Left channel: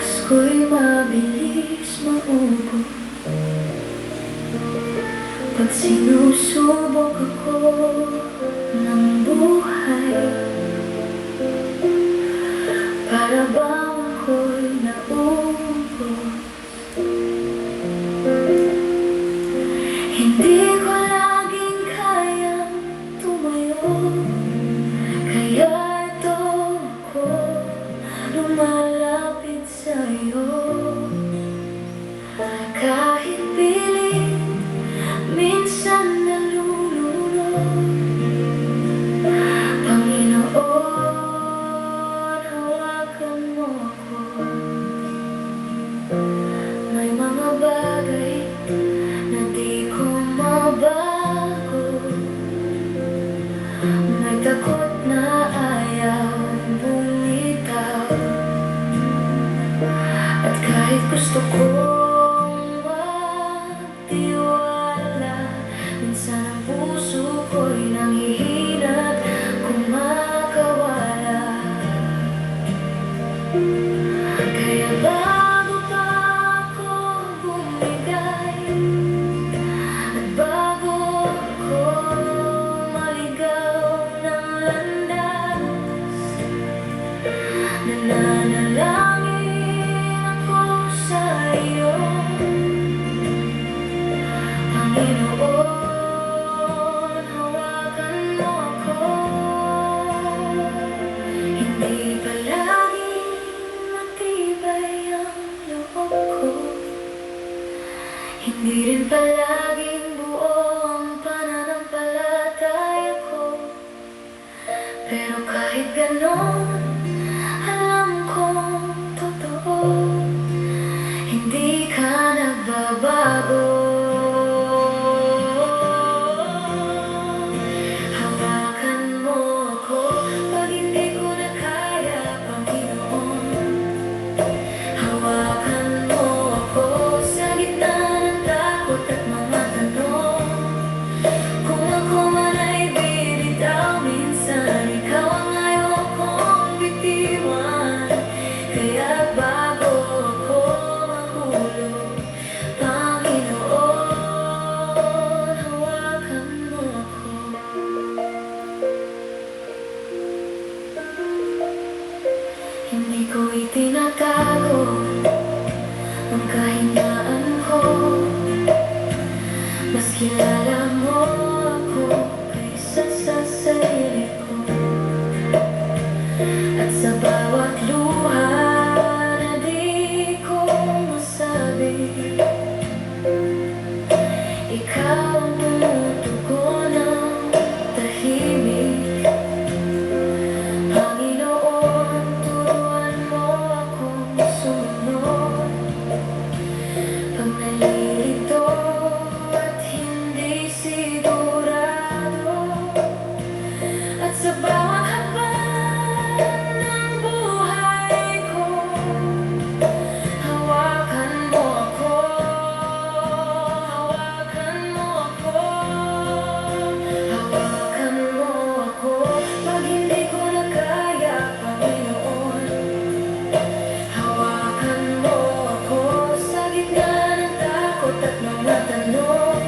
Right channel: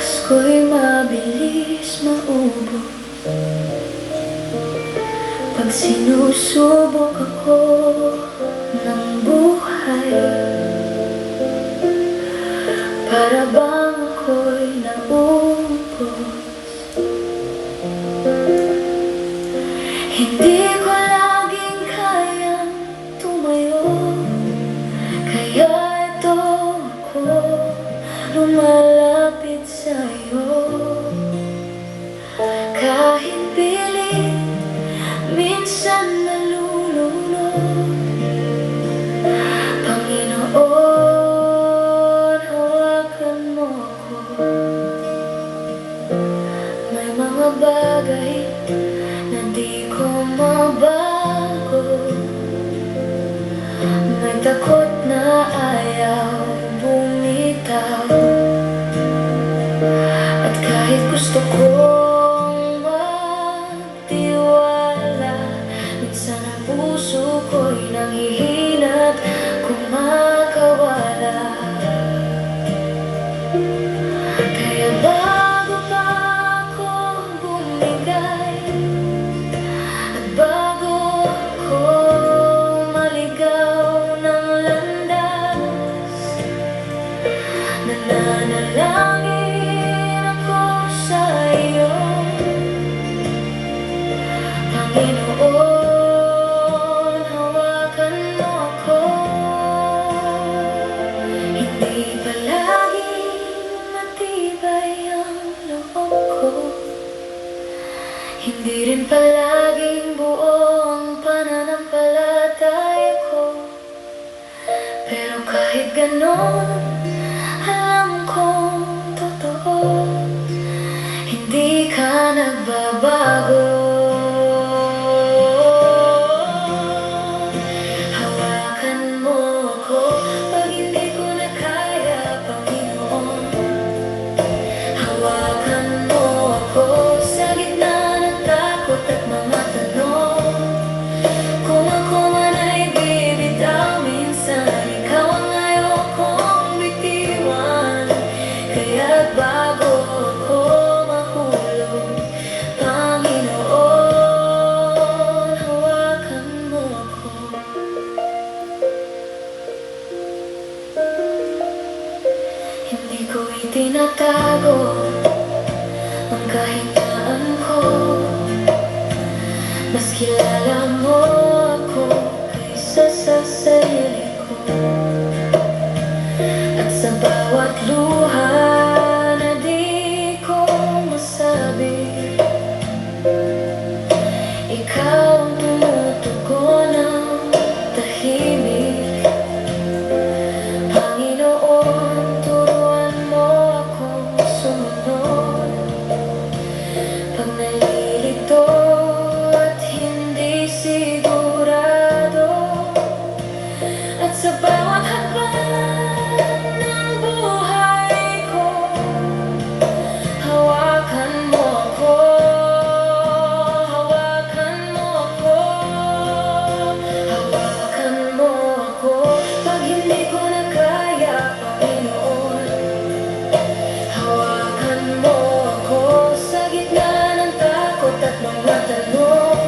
Lakas ko'y mabilis maubos pag sinusubok ako ng buhay. Para bang ako'y naubos, hindi ko laging kayang tumayo. Kaya ito ako lumalapit sa'yo. Kahit pilit, minsan nalulunod. Panginoon, hawakan mo ako. May mga bagay na di ko mabago. May takot na ayaw bumitaw. At kahit gusto kong magtiwala, minsan ang puso ko'y nanghihina at kumakawala. Kaya bago pa ako bumigay, at bago ako maligaw ng landas, nananalangin ako sa iyo. Panginoon, hawakan mo ako. Hindi palaging matibay ang loob ko, hindi rin palaging buo ang pananampalataya ko. Pero kahit ganon, alam kong totoo, hindi ka nagbabago. Hawakan mo ako pag hindi ko na kaya, Panginoon. Hawakan mo ako sa gitna ng takot at mga tanong. Kung ako man ay bibitaw, minsan ikaw ang ayaw kong bitiwan. Kaya't bago ako mahulog, Panginoon, hawakan mo ako. Hindi ko itinatago ang kahinaan ko. Mas kilala mo ako kaysa sa sarili ko. At sa bawat luha na di ko masabi, ikaw ang tumutugon ng tahimik. Panginoon, turuan mo akong sumunod pag nalilito at hindi sigurado. At sa bawat hakbang ng buhay ko, hawakan mo ako. Hawakan mo ako. Hawakan mo ako pag hindi ko na kaya, Panginoon. Hawakan mo ako sa gitna ng takot at mga tanong.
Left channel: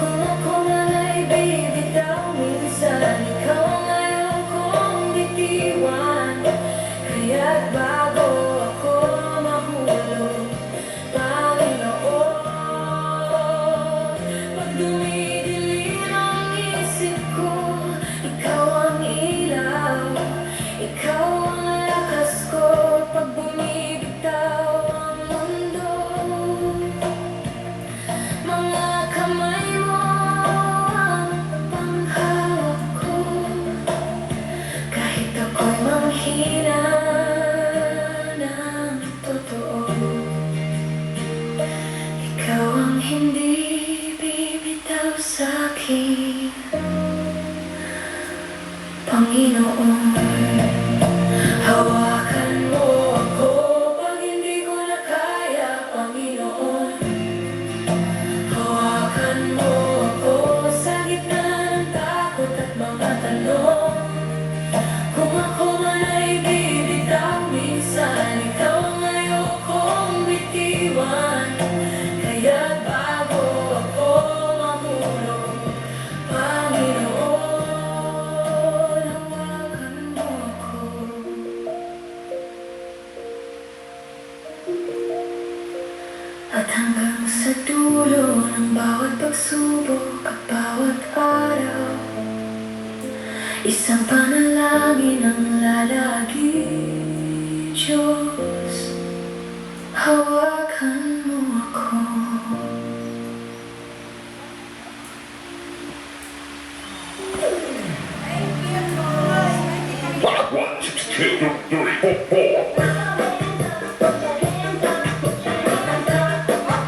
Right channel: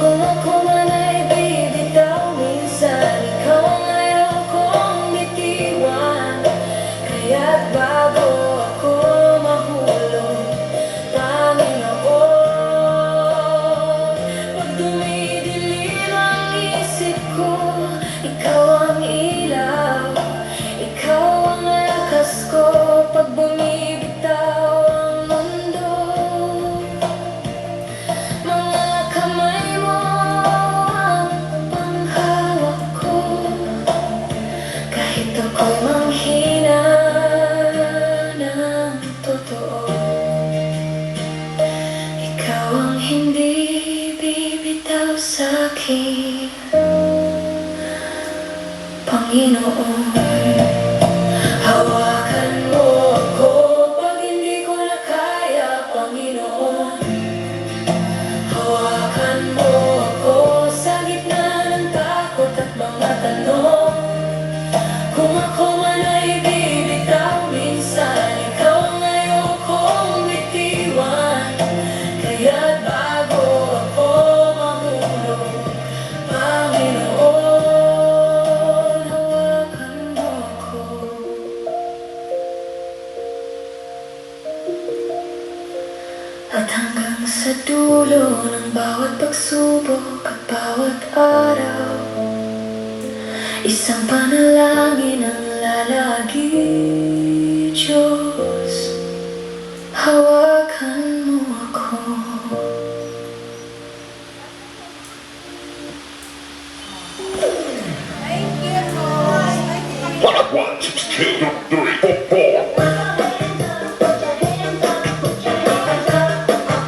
Kung ako man ay bibitaw, minsan ikaw ang ayaw kong bitiwan. Kaya't bago ako mahulog, Panginoon. Pag dumidilim ang isip ko, ikaw ang ilaw. Ikaw ang lakas ko pag bumibitaw ang mundo. Mga kamay mo ang panghawak ko, kahit ako'y manghina ng totoo. Ikaw ang hindi bibitaw sa'kin, Panginoon. Hawakan mo ako pag hindi ko na kaya, Panginoon. Hawakan mo ako sa gitna ng takot at mga tanong. Kung ako man ay bibitaw, minsan ikaw ang At hanggang sa dulo ng bawat pagsubok at bawat araw, isang panalangin ang lalagi, Diyos, hawakan mo